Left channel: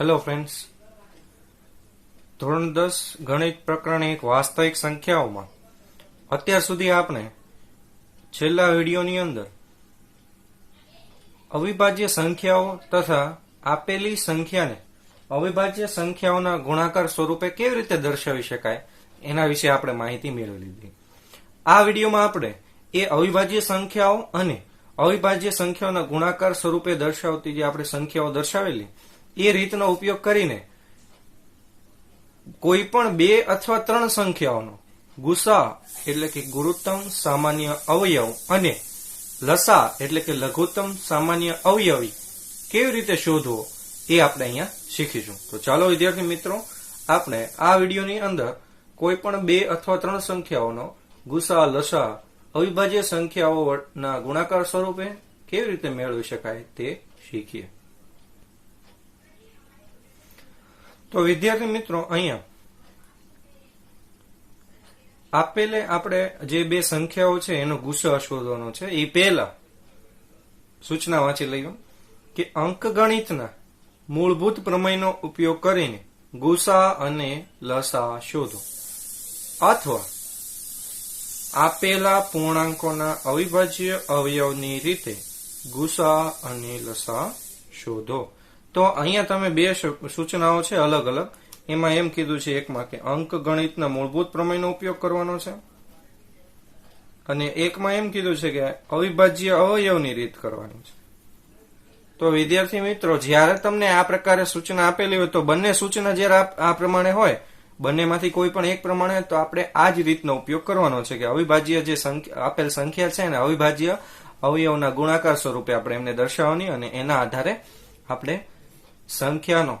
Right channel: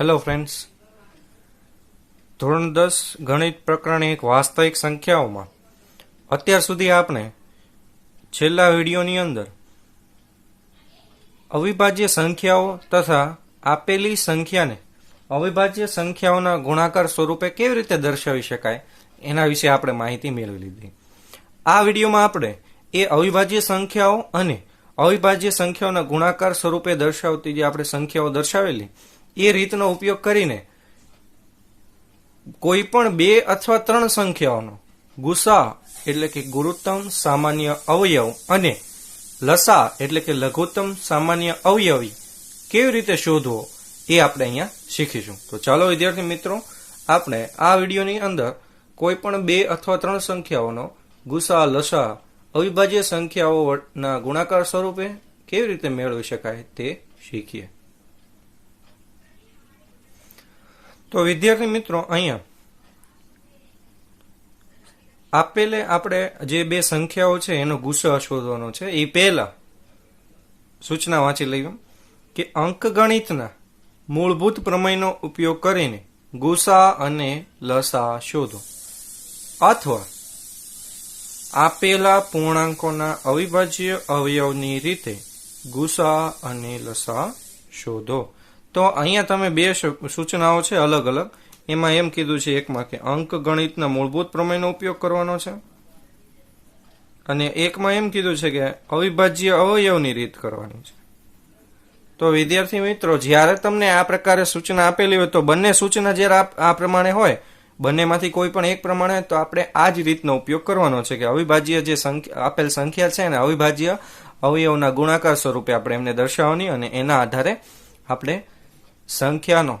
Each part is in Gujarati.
હેલો ફ્રેન્ડ્સ, ધોરણ 10 ગણિત પ્રકરણ એક વાસ્તવિક સંખ્યાઓમાં અત્યાર સુધી આપણે છેલ્લા વિડીયોની અંદર અવિભાજ્ય સંખ્યાઓ તથા આપેલી સંખ્યાને અવિભાજ્ય સંખ્યાઓના ગુણાકાર સ્વરૂપે કેવી રીતે દર્શાવી શકાય એના વિશે આપણે માહિતી મેળવી લીધી. આ વિડીયોમાં આપણે એ અવિભાજ્ય સંખ્યાઓ અને અવિભાજ્ય સંખ્યાઓના ગુણાકાર સ્વરૂપે દર્શાવતી જે આપણે સંખ્યાઓ દર્શાવેલી એ રીતનો ઉપયોગ કરીને કોઈ પણ 2 અથવા 3 સંખ્યાઓનો ગુસા એટલે કે ગુરુત્તમ સામાન્ય અવયવ અને લસા એટલે કે લઘુત્તમ સામાન્ય અવયવી કેવી રીતે શોધવો એ આપણે અહીંયા શીખીશું. તો ચાલો વિદ્યાર્થી મિત્રો, આપણે આ વિડીયોની અંદર કોઈ પણ 2 અથવા 3 સંખ્યાઓનો ગુસા લસા અવિભાજ્ય સંખ્યાઓના ગુણાકાર સ્વરૂપે કેવી રીતે મેળવી શકાય તે શીખીએ. તો વિદ્યાર્થી મિત્રો, અહીંયા આપેલે આપણે જે 2 સંખ્યાઓ છે એનો ગુસા શોધવાનો છે. એ પહેલા સૂચના વાંચી લઈએ કે અંકગણિતના મૂળભૂત પ્રમેયનો ઉપયોગ કરીને ગુસા અને લસા શોધો, અથવા આપેલા પૂર્ણાંકોના અવિભાજ્ય અવયવની રીતે ગુસા અને લસા શોધો. તો અહીંયા તમે 2 સૂચનાઓ છે અલગ અલગ. એમાં એમ કીધું છે એકમાં કે અંકગણિતના મૂળભૂત પ્રમેયનો ઉપયોગ કરવાનો છે, અને એકમાં એમ કીધું છે કે અવિભાજ્ય અવયવની રીત કરવાની છે. તો વિદ્યાર્થી મિત્રો, જ્યારે તમને આ પ્રકારે સૂચના આપેલી હોય તો બંને સૂચના જ્યારે આ પ્રમાણે હોય, બંનેમાંથી કોઈ પણ એક પ્રમાણે, તો આપણે આ જ રીતનો ઉપયોગ કરવાનો છે કે અવિભાજ્ય જે આપેલ સંખ્યા છે એને અવિભાજ્ય અવયવના ગુણાકાર સ્વરૂપે આપણે એમને દર્શાવવાની, અને એના આધારે આપણે સંખ્યાનો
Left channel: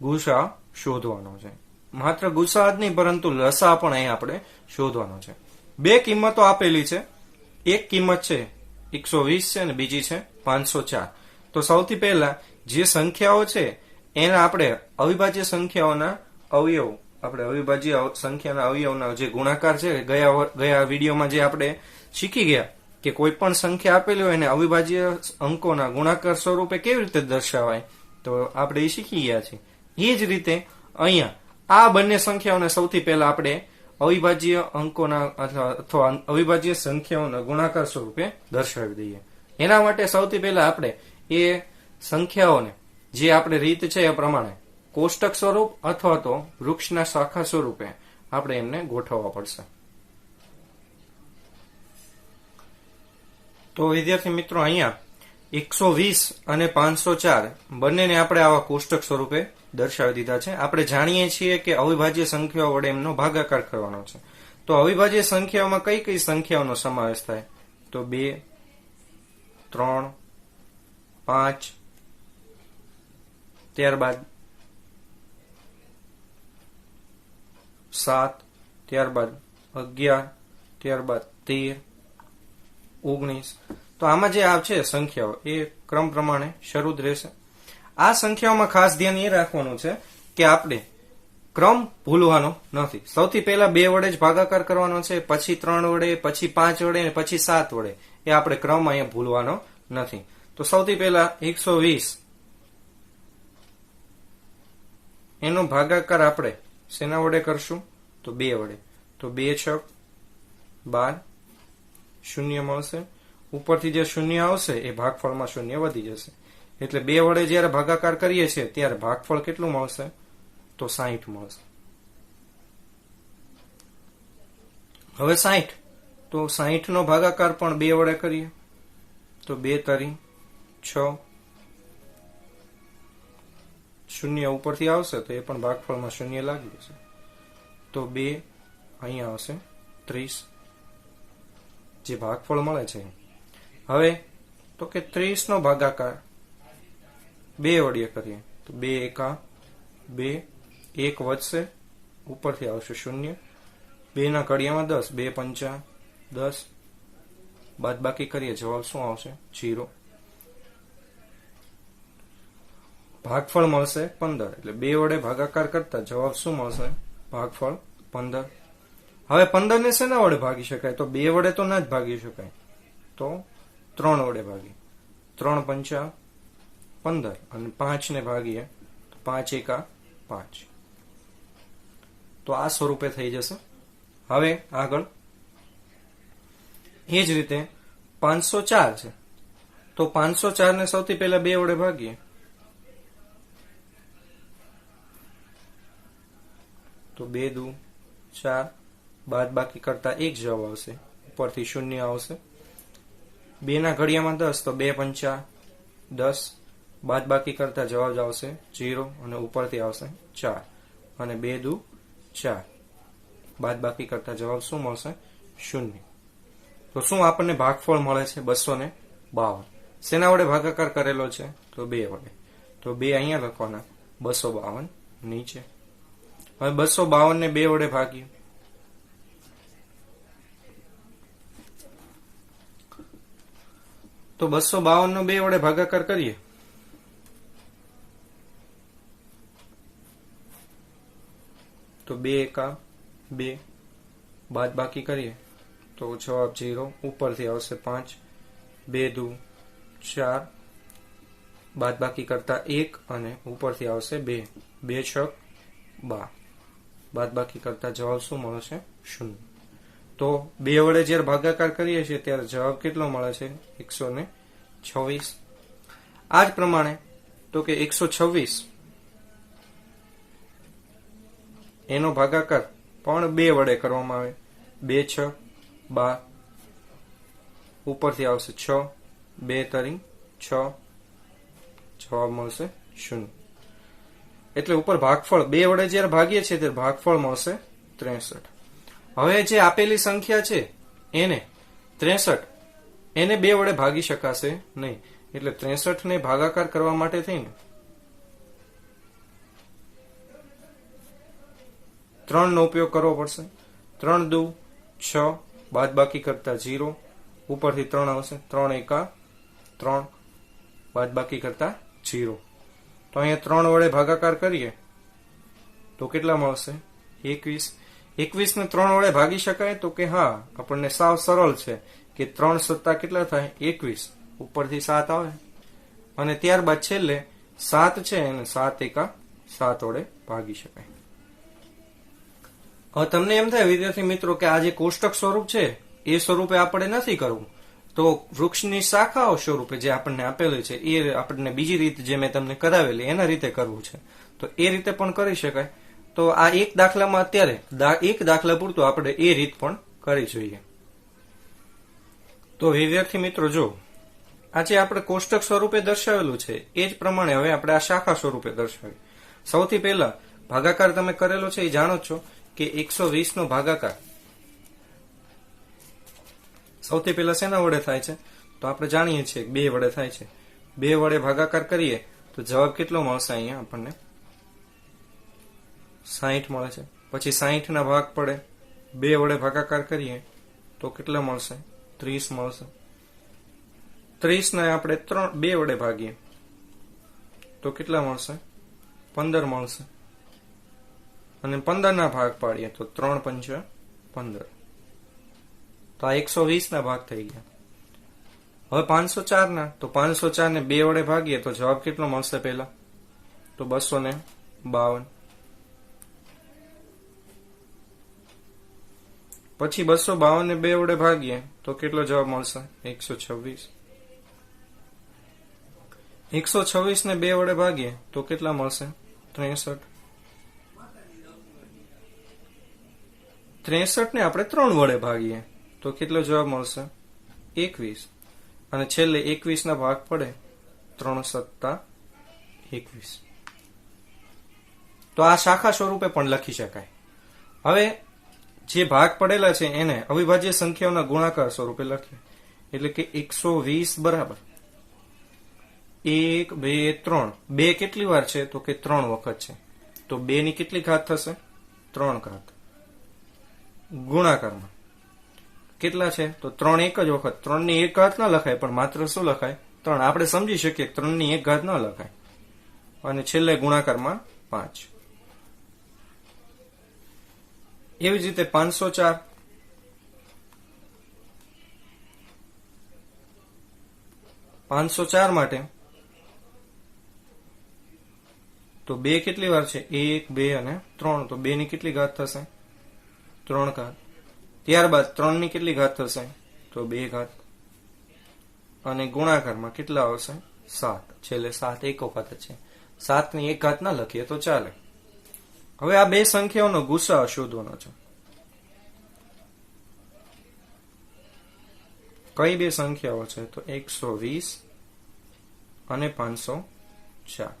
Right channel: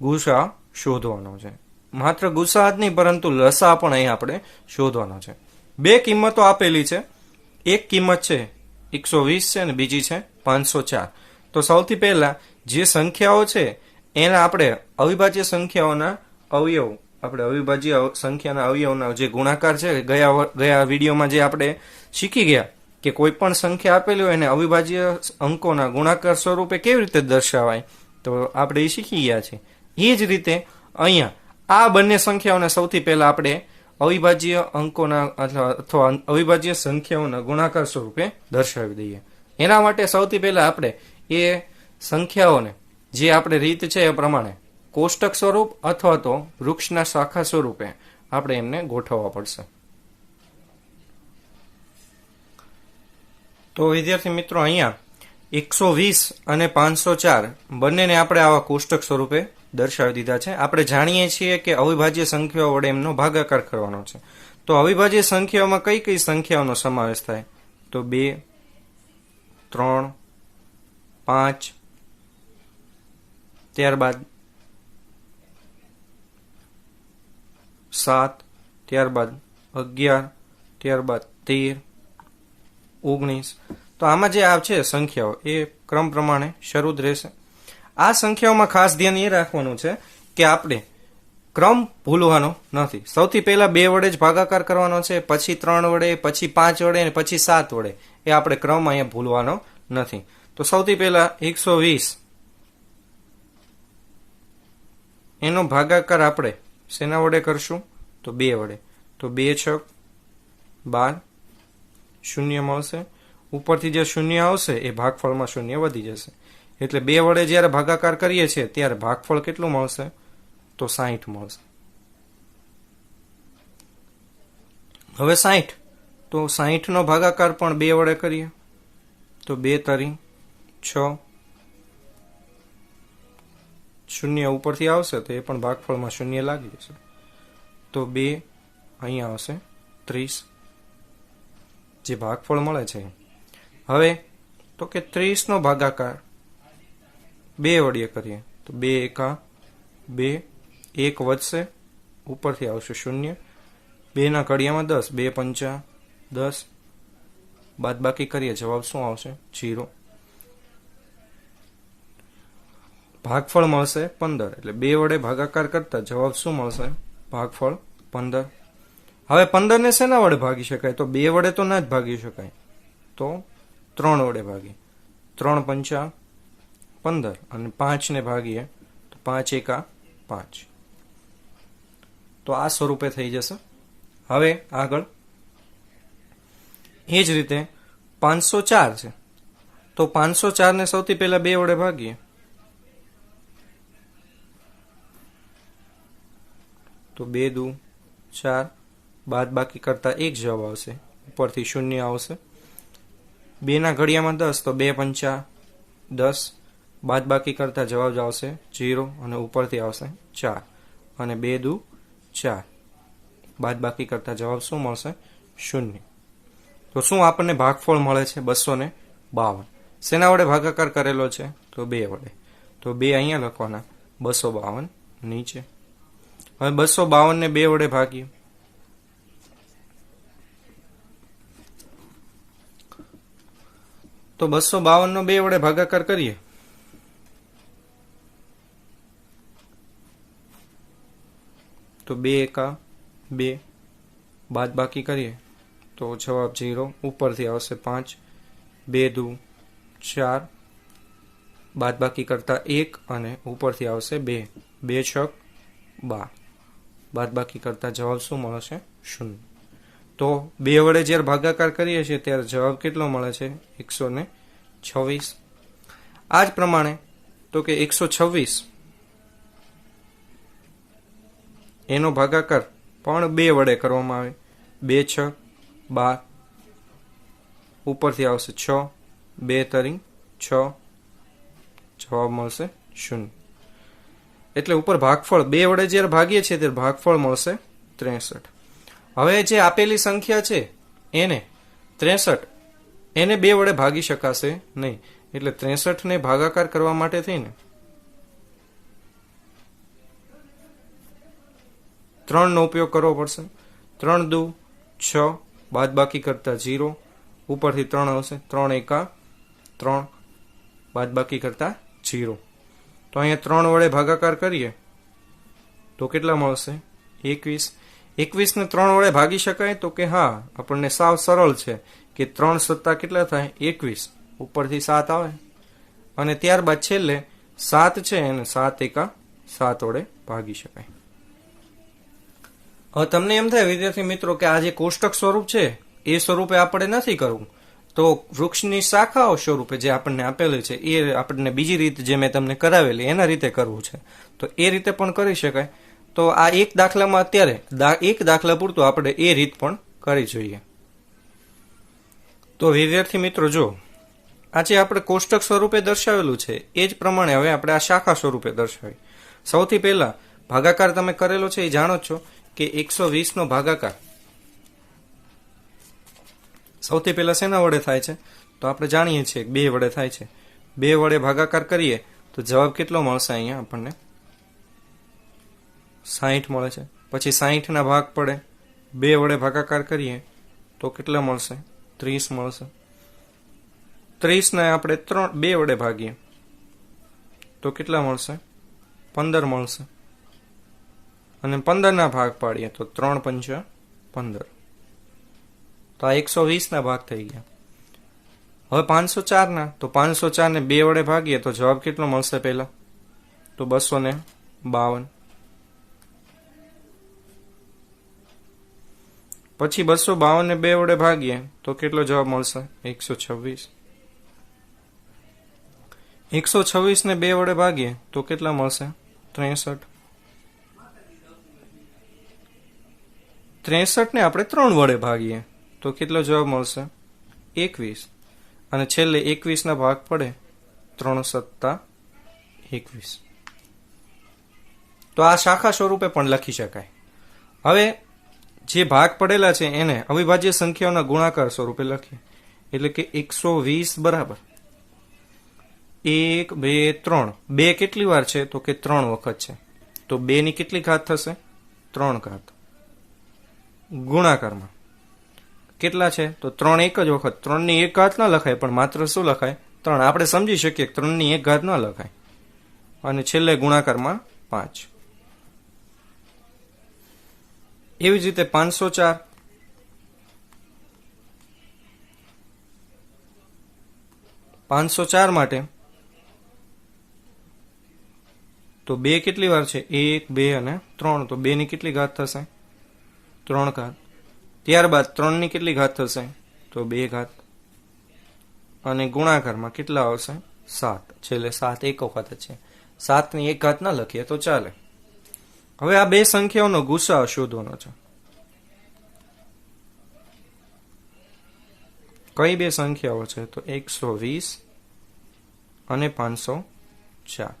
ગુસા શોધવાનો છે. માત્ર ગુસા જ નહીં પરંતુ લસા પણ અહીં આપણે શોધવાનો છે. 2 કિંમતો આપેલી છે. એક કિંમત છે 120 છે અને બીજી છે 504. તો સૌથી પહેલા જે સંખ્યાઓ છે એના આપણે અવિભાજ્ય સંખ્યાઓના અવયવ, આપણે અવિભાજ્ય સંખ્યાના અવયવના જે ગુણાકાર છે, ગયા વિડીયોમાં જે આપણે શીખી ગયા કે કોઈ પણ સંખ્યા આપેલી હોય એને અવિભાજ્ય અંકોના ગુણાકાર સ્વરૂપે કેવી રીતે દર્શાવાય, તો આપણે એ શીખી ગયા છીએ. એ જ રીતે અહીંયા આ બંને સંખ્યાઓને સૌથી પહેલા આપણે અવિભાજ્ય અંકોના અથવા અવિભાજ્ય સંખ્યાઓના ગુણાકાર સ્વરૂપે દર્શાવી દઈએ. એના માટે સૌથી પહેલા આપણે એ સંખ્યાઓને જે આપણે રીત છે એ પ્રમાણે કોષ્ટક સ્વરૂપ અથવા તો વૃક્ષના શાખા સ્વરૂપે આપણે એને ગોઠવવા પડશે. તો વિદ્યાર્થી મિત્રો, અહીંયા 120 અને 504 બંનેને આપણે આવા કોષ્ટક સ્વરૂપે દર્શાવી દીધા છે. આપણે જાણીએ છીએ કે અવિભાજ્ય સંખ્યાઓ વડે એમનો ભાગાકાર કરવાનો છે. તો અવિભાજ્ય સંખ્યાઓમાં કઈ કઈ સંખ્યાઓનો સમાવેશ થાય? તો 2, 3, 5, ત્યારબાદ 7, ત્યારબાદ 11, ત્યારબાદ 13, 19. તો આમાં જે આ છે સંખ્યાઓ એ ક્રમ પ્રમાણે શરૂ જ રહેશે. આ સંખ્યાઓમાં ખાસ ધ્યાન એ રાખવાનું છે કે આપણે ક્રમ ભૂલવાનો નથી. સૌથી પહેલા 2 વડે જ ભાગાકાર કરવાનો છે, પછી 3 વડે, પછી 5 વડે, પછી 7 વડે. એ આપણે ક્રમ અહીંયા ભૂલવાનો નથી. તો સૌથી પહેલા 120 એનો ભાગાકાર આપણે શેના વડે કરશું? તો 2 વડે. તો 2 6 12, શૂન્ય મળશે. ઉપરથી જે શૂન્ય આવશે એ ભાગફળમાં શૂન્ય વધી જશે. એટલે 2 વડે જયારે ભાગાકાર કરીએ છીએ ત્યારે ભાગફળ કેટલું મળશે? તો 60 મળશે. હવે 60, તો 60 નો ભાગાકાર પણ 2 વડે કરીએ તો 2 તરી 6, શૂન્ય ઉપરથી આવશે તો એ પણ ભાગફળમાં શૂન્ય લાગી જશે. તો 2 અહીંયા આવશે 30 જે ભાગફળ મળે છે. હવે તો કે 30 નો ભાગાકાર 2 વડે કરીએ તો 2 એકા 2, 1 વધશે, ઉપરથી આવશે શૂન્ય, 2 ના કડિયામાં 10, 2 પંચા 10, બાદ બાકી કરીએ જવાબ શું આવશે? 0. ભાગફળ મળશે 15. એટલે 2 વડે ભાગાકાર કરતા જવાબ શું મળશે? ભાગફળ 15. હવે 15 ને શેના વડે ભાગી શકાય? તો 2 વડે તો ના જ ભાગી શકાય, તો 3 વડે ભાગી. 3 પંચા 15 અને 5 ને ભાગીએ તો 5 એકા 5. તો આ સ્વરૂપે થઈ જશે. હવે આગળ એ જ રીતે 504 છે, તો 504 ને સૌથી પહેલા 2 વડે ભાગીએ તો 2 દુ 4, બાદ બાકી કરતા 1 જવાબ આવશે, ઉપરથી 0 આવશે. 2 ના ઘડિયામાં 10, તો 2 પંચા 10, બાદ બાકી કરતા જવાબ આવશે 0 અને ઉપરથી આવશે 4 અને 2 દુ 4, બાદ બાકી કરતા જવાબ શું મળશે? 0. તો શું આપણને ભાગફળ મળે છે? 252. શેના વડે ભાગાકાર કરેલો છે? તો 2 વડે. તો 2 અહીંયા લખવાના, 252 નીચે. હવે 252 ને 2 વડે ભાગીએ તો 252 નો 2 વડે ભાગાકાર કરીએ તો 2 એકા 2, બાદ બાકી કરીએ તો જવાબ 0, ઉપરથી આવશે 5, 2 દુ 4, બાદ બાકી કરતા 1 અને ઉપરથી આવશે 2, 2 છક 12, બાદ બાકી કરતા જવાબ શું મળશે? 0. તો 2 વડે જ્યારે ભાગાકાર કરીએ છીએ ત્યારે જવાબ કેટલો મળે છે? 126. આ જ પ્રમાણે તો કે 126 એનો ભાગાકાર પણ 2 વડે કરવામાં આવે. 2 છ 12, ઉપરથી આવશે 6, 2 તરી 6, જવાબ મળશે 0. એટલે ઉપર ભાગફળ 2 વડે જ્યારે ભાગીએ છીએ ત્યારે ભાગફળ મળશે 63. હવે જે આપેલી સંખ્યા છે એને 63 એને 2 વડે ભાગી શકાશે નહીં, એટલે 63 ને ભાગાકાર કરવા માટે થઈને 3 નો ઉપયોગ કરવો પડશે. 3 દુ 6, બાદ બાકી કરતા 0, ઉપરથી 3 આવશે, 3 એકા 3, બાદ બાકી કરતા 0. તો અહીંયા 3 વડે ભાગાકાર કરીએ તો કેટલા મળશે? 21. 21 ને 3 વડે ભાગી શકાય? તો કે હા, આપણને સાવ સરળ છે કે 3 સત્તા કેટલા થાય? 21, ઉપરથી 7 આવે અને ત્યારબાદ છેલ્લે 7 છે એને 7 એકા 7 વડે ભાગી શકાય. હવે તમને એમ થાય વિદ્યાર્થી મિત્રો કે આ જે કોષ્ટક સ્વરૂપ છે એ સ્વરૂપે આપણે નથી કરવું, તો વૃક્ષની શાખાઓ સ્વરૂપે જે આપણને આપેલું છે એ આપણને બીજી રીત જે મેં તમને કરાવેલી એના રીતે કરવું છે, તો એ રીતે પણ કરી શકાય. તો આ એક દાખલામાં અત્યારે એક દાખલા પૂરતું આપણે એ રીત પણ કરી જોઈએ. તો વિદ્યાર્થી મિત્રો જો આજે આપણે કોષ્ટક સ્વરૂપે દર્શાવેલું છે એ જ પ્રમાણે હવે આપણે આ શાખા સ્વરૂપે દર્શાવી. સૌથી પહેલા ભાગાકાર તમે કરેલો છે એ જાણો છો કે 120 નો ભાગાકાર સૌથી પહેલા શેના વડે થાય છે? તો આપણે જાણીએ છીએ 2 વડે થાય છે. 2 વડે ભાગાકાર કરીએ તો જવાબ કેટલો મળશે? અહીંયા આપણને 60 મળે છે. પછી 60 ના ભાગ પડે, 2 વડે ભાગાકાર કરીએ તો કેટલા મળશે? 30 મળશે. 30 ને આપણે 2 વડે ભાગીએ તો કેટલા મળશે? 15 મળશે. અને 15 ના ભાગ પાડીએ તો 3 પંચા 15. તો આ 120 ના ભાગ થઈ ગયા. હવે 504 ના, તો 504 ને 2 વડે ભાગીએ તો જવાબ કેટલો મળશે? પહેલા તો 252. પછી 252 ને 2 વડે ભાગીએ તો કેટલો જવાબ મળશે? 126. 126 ને 2 વડે ભાગીએ તો કેટલા મળશે? 63. 63 ને આપણે 3 વડે ભાગીએ તો કેટલો જવાબ મળશે? 21. અને છેલ્લે 21 ના ભાગ પડે, 3 સત્તા 21. તો આ શાખા સ્વરૂપે પણ લખી શકાય. હવે જે ભાગ પડેલા છે એને અવિભાજ્ય સંખ્યાઓના ગુણાકાર સ્વરૂપે લખીએ. એટલે કે 120 બરાબર 1, 2, 3. 2 કેટલી વાર છે? તો કે 3 વખત છે. તો 2 ની કેટલી ઘાત થશે? 3 ઘાત. ગુણાકારમાં કેટલા છે? તો 3 એક જ વખત. 3 ની 1 ઘાત ના લખાય, પણ માત્ર શું લખાય? 3. આપણે સમજી શકીએ 3 ની 1 ઘાત ના લખાય. અને છેલ્લે ગુણાકારમાં 5. એવી જ રીતે 504. 504 માટે તો 2 કેટલી વાર છે? 1, 2 અને 3. તો 2 ની કેટલી ઘાત થશે? 3 ઘાત. ત્યારબાદ 3 ની કેટલી ઘાત થશે? તો 2 ઘાત. અને ગુણાકારમાં કેટલા આવશે? 7. છેલ્લે 7 એક વખત છે. 7 ની 1 ઘાત ના લખીએ તો ચાલે. હવે આ બે સંખ્યાઓનો ગુસા શોધવાનો છે. કઈ બે સંખ્યાઓ છે? તો 120 અને 504.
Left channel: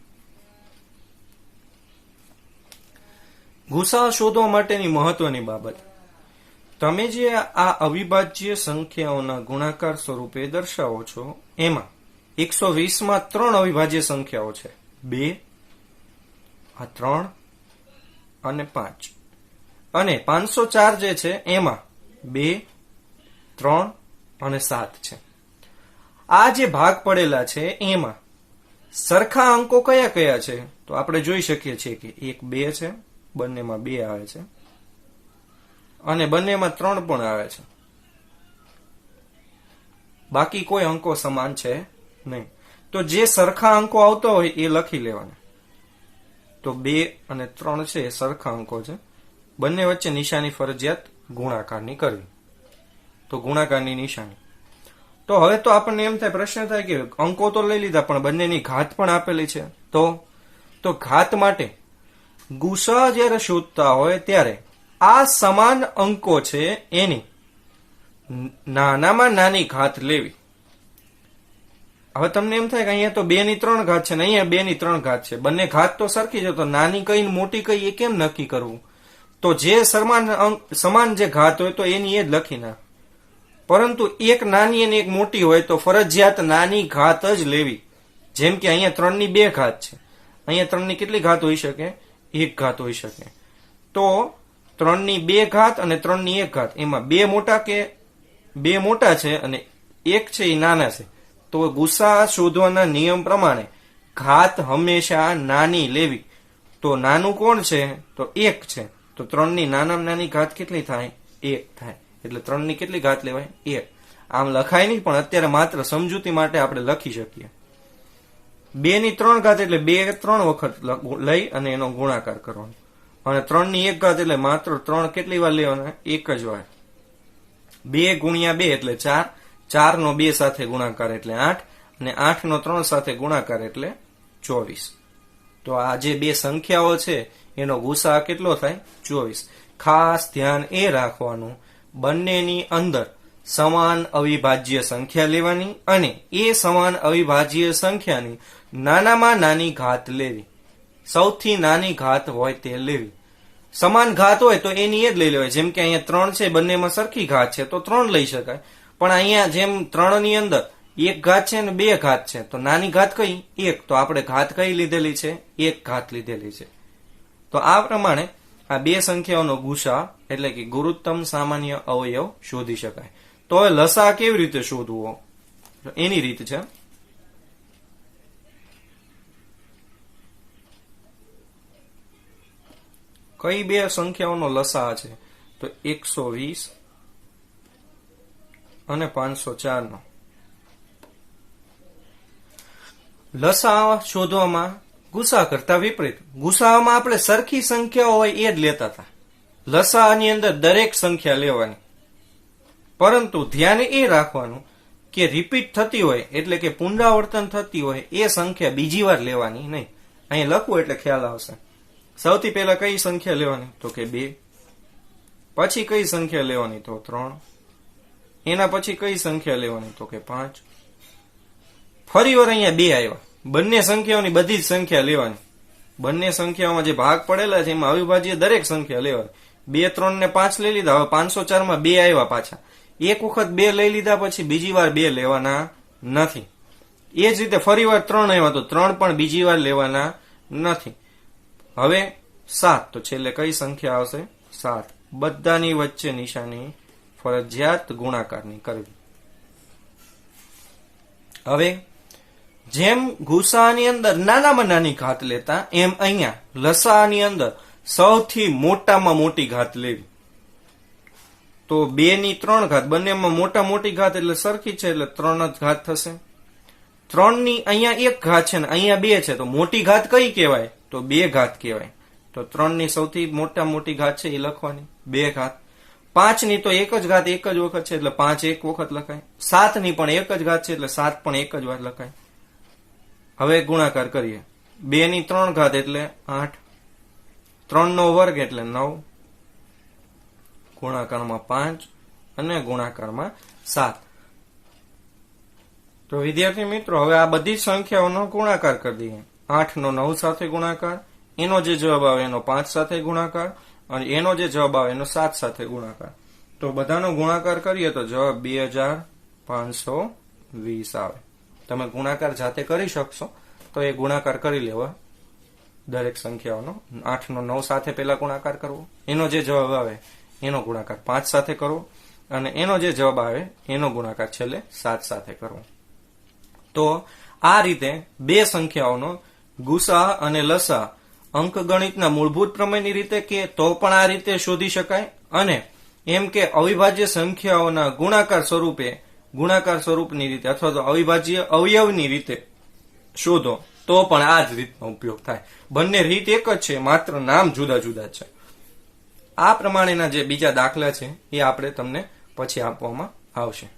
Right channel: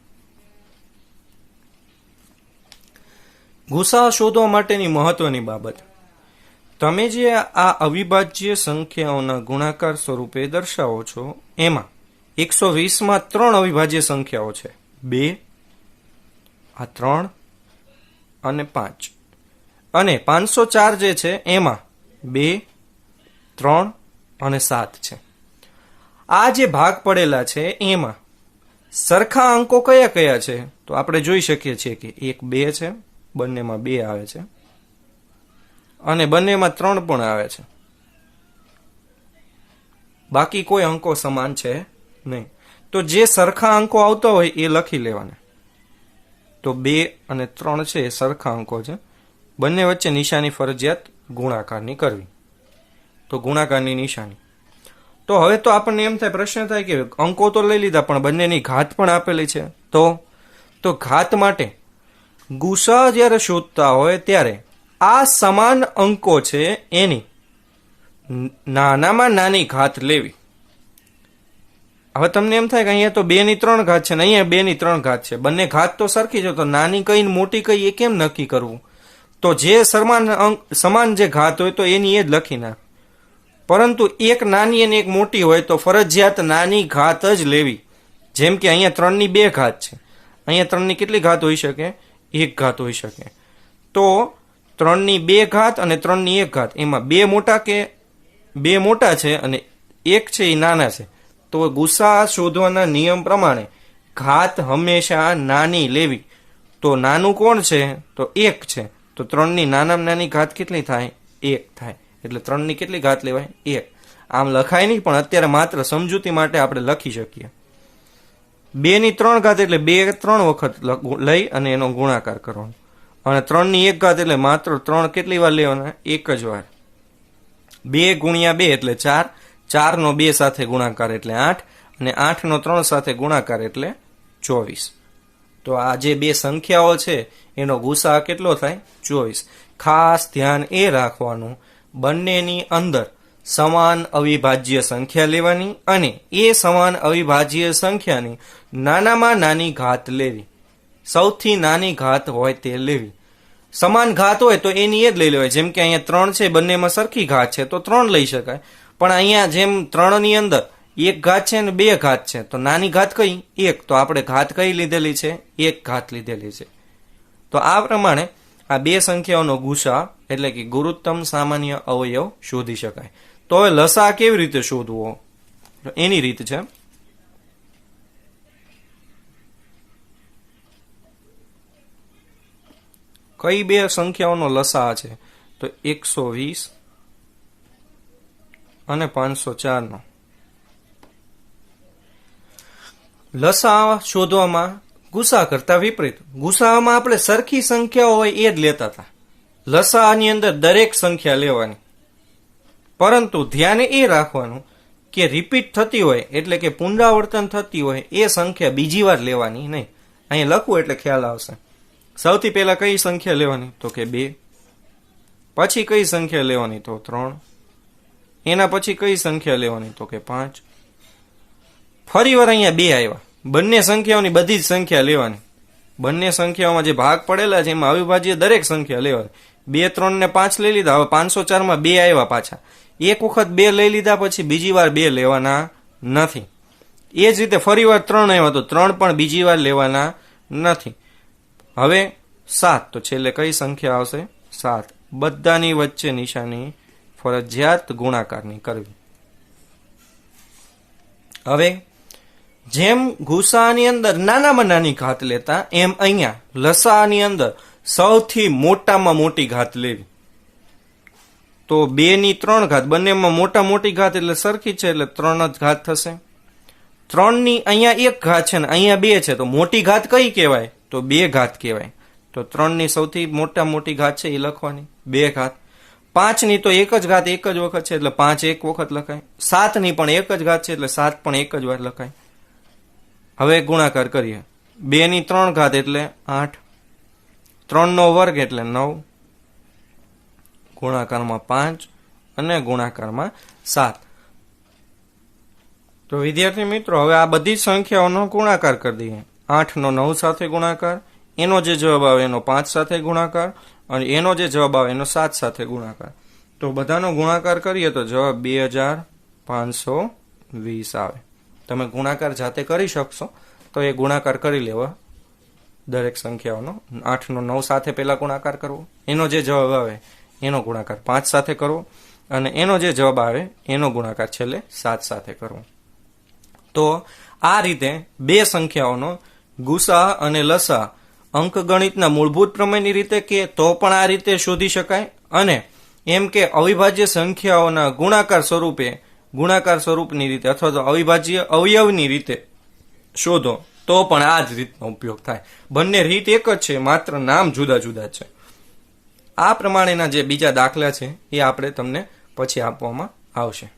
ગુસા શોધવા માટેની મહત્વની બાબત, તમે જે આ અવિભાજ્ય સંખ્યાઓના ગુણાકાર સ્વરૂપે દર્શાવો છો એમાં 120માં 3 અવિભાજ્ય સંખ્યાઓ છે. 2, આ 3 અને 5. અને 504 જે છે એમાં 2, 3 અને 7 છે. આ જે ભાગ પડેલા છે એમાં સરખા અંકો કયા કયા છે? તો આપણે જોઈ શકીએ છીએ કે એક 2 છે, બંનેમાં 2 આવે છે, અને બંનેમાં 3 પણ આવે છે. બાકી કોઈ અંકો સમાન છે નહીં. તો જે સરખા અંકો આવતા હોય એ લખી લેવાના. તો 2 અને 3 છે એ સરખા અંકો છે. બંને વચ્ચે નિશાની ફરજિયાત ગુણાકારની કરવી. તો ગુણાકારની નિશાની. તો હવે તો આપણને એમ થાય, પ્રશ્ન થાય કે અંકો તો લઈ લીધા પણ બંનેની ઘાત પણ આપેલી છે. તો ઘાત માટે ગુસા જ્યારે શોધતા હોય ત્યારે આ સમાન અંકો છે એની નાનામાં નાની ઘાત લેવી. હવે તમને એમ થાય કે અહીંયા તો 2 ની 3 ઘાત છે ને અહીંયા 2 ની 3 ઘાત છે. બંને ઘાત તો સરખી છે, તો નાની કઈ મોટી કઈ એ કેમ નક્કી કરવું? તો જે સમાન જે ઘાત હોય તો એની એ જ લખી નાખ. પરંતુ એક નાની અને એક મોટી હોય તો ફરજિયાત નાની ઘાત જ લેવી. જેમ કે અહીંયા 3 ની 2 ઘાત છે, અહીંયા 3 ની કેટલી ઘાત હોઈ શકે? 1 ઘાત હોઈ શકે. તો 3 ની 2 ઘાત અને 3 ની 1 ઘાત, એમાં 2 મોટા છે અને 1 છે એ નાના છે. તો ગુસા શોધવાના નિયમ પ્રમાણે ઘાત હંમેશા નાની લેવી. તો નાનું કોણ છે? તો 1 છે. તો 3 ની નાનામાં નાની ઘાત કેટલી થાય? 1 થાય. એટલે 3 ની કેટલી ઘાત લેવાય? 1. આમ લખાય નહીં, પણ અત્યારે માત્ર સમજૂતી માટે આપણે લખી શકીએ. 2 ની 3 ઘાત એટલે 2 3 વખત લઈ અને એનો ગુણાકાર કરવાનો. અને 3 ની 1 ઘાત એટલે માત્ર 3 કેટલી વાર લેવાના? 1 જ વાર. 2 ગુણ્યા 2 એટલે 4. 4 નો 2 સાથે ગુણાકાર એટલે 8. અને 8 નો 3 સાથે ગુણાકાર એટલે 24. તો આ જે બે સંખ્યાઓ છે એનો ગુસા કેટલો થાય? 24. ખાસ ધ્યાન એ રાખવાનું, બંનેની અંદર સમાન અવિભાજ્ય સંખ્યા લેવાની અને એ સમાન અવિભાજ્ય સંખ્યાની નાનામાં નાની ઘાત લેવી. સૌથી નાની ઘાત હોય તે લેવી. સમાન ઘાત હોય તો એની એ જ લઈ લેવાય. જેમ કે અહીંયા 3 છે, બંનેમાં સરખી ઘાત છે તો 3 લઈ શકાય. પણ અહીંયા જેમ 3 ની અંદર 1 ઘાત છે અને 2 ઘાત છે, તો નાની ઘાત કઈ? 1. તો આપણે ઘાત કઈ લીધેલી છે? 1 ઘાત લીધેલી છે. તો આ પ્રમાણે આ બે સંખ્યાઓનો ગુસા એટલે કે ગુરુત્તમ સામાન્ય અવયવ શોધી શકાય. તો હવે લસા કેવી રીતે શોધવો એની રીત છે. કઈ બે સંખ્યાઓનો લસા છે? તો 120 અને 504 નો લસા શોધવામાં ગુસા કરતા વિપરીત. ગુસામાં આપણે સરખી સંખ્યાઓ હોય એ જ લેતા હતા. લસાની અંદર દરેક સંખ્યા લેવાની. પરંતુ ધ્યાન એ રાખવાનું કે રિપીટ થતી હોય એટલે કે પુનરાવર્તન થતી હોય એ સંખ્યા બીજી વાર લેવાની નહીં. અહીં લખવું એટલે ખ્યાલ આવશે. સૌથી પહેલા કઈ સંખ્યા લેવાની? તો કે 2. પછી કઈ સંખ્યા લેવાની? તો 3. એના પછી કઈ સંખ્યા લેવાની? તો કે 5. ફરી વાર અહીંયા 2 આવ્યા. બંને સંખ્યાઓની બધી જ સંખ્યા લેવાની. બંને સંખ્યાઓમાં જે ભાગ પડેલા છે એમાં અવિભાજ્ય દરેક સંખ્યા લેવાની. 2, 3 ને 5 લઈ લીધા. હવે 504 માં 2 આવ્યા પાછા. એક વખત 2 લઈ લીધા પછી બીજી વાર 2 લેવાના નથી. એ જ રીતે ફરી વાર 3 આવ્યા તો 3 પણ બીજી વાર લેવાના નથી. હવે 7. તો છેલ્લે કઈ સંખ્યા આવશે? 7. બધાની વચ્ચે નિશાની ફરજિયાત ગુણાકારની કરવી. હવે જેમ ગુસાની અંદર નાનામાં નાની ઘાત લેતા એમ અહીંયા લસાની અંદર સૌથી મોટામાં મોટી ઘાત લેવી. તો 2 ની 3 ઘાત, બંનેમાં મોટી ઘાત એટલે સરખી છે એટલે 3 જ ઘાત થશે. 3 ની અહીંયા 1 ઘાત છે ને અહીંયા 2 છે તો મોટી ઘાત કઈ કહેવાય? તો તો 2 ઘાત કહેવાય. તો 3ની સૌથી મોટી ઘાત છે એ લખવાની 2 ઘાત. 5ની તો એક જ ઘાત એક જ વખત છે એટલે 5 એક વખત લખાય. 7ની પણ એક જ ઘાત છે એટલે 7 પણ એક જ વાર લખાય. હવે ગુણાકાર કરીએ. 2ની 3 ઘાત એટલે 8, 3નો વર્ગ એટલે 9, ગુણાકારમાં 5 અને ગુણાકારમાં 7. તો વિદ્યાર્થી મિત્રો હવે આ બધી સંખ્યાઓનો ગુણાકાર કરી દઈએ. 8નો 9 સાથે ગુણાકાર, એનો જે જવાબ આવે એનો 5 સાથે ગુણાકાર અને એનો જે જવાબ આવે એનો 7 સાથે ગુણાકાર. તો બધાનો ગુણાકાર કરીએ તો જવાબ 2520 આવે. તમે ગુણાકાર જાતે કરી શકશો તો એ ગુણાકાર કરી લેવા દરેક સંખ્યાઓનો. 8નો 9 સાથે પહેલા ગુણાકાર કરવો, એનો જે જવાબ આવે એનો ગુણાકાર 5 સાથે કરવો અને એનો જે જવાબ આવે એનો ગુણાકાર છેલ્લે 7 સાથે કરવો. તો આ રીતે બે સંખ્યાઓનો ગુસા અને લસા અંકગણિતના મૂળભૂત પ્રમેયની રીતે કે તો પણ આ રીતે શોધી શકાય, અને એમ કે અવિભાજ્ય સંખ્યાઓના ગુણાકાર સ્વરૂપની રીતે અથવા તો અવિભાજ્ય અવયવની રીતે શોધો તો પણ આ જ રીતનો ઉપયોગ થાય. બંને રીત એક જ છે, માત્ર નામ જુદા જુદા છે. આ પ્રમાણેના જે બીજા દાખલા છે એ આપણે તમને પછી આપવામાં આવશે.